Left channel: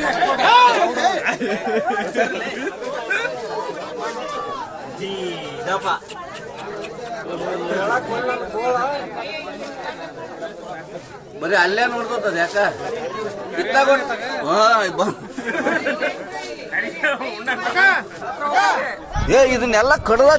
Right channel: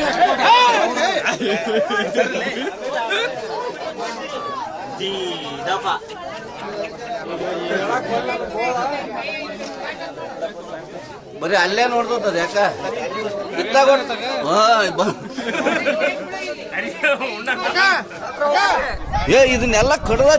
ಹುಡ್ರ ಬರೀ ಅಲ್ಲೇ ನೋಡ್ತದ ಯಾಕ? ಇತ್ತಾಗ ಏ ಇದನ್ನೆಲ್ಲ ಕಡದ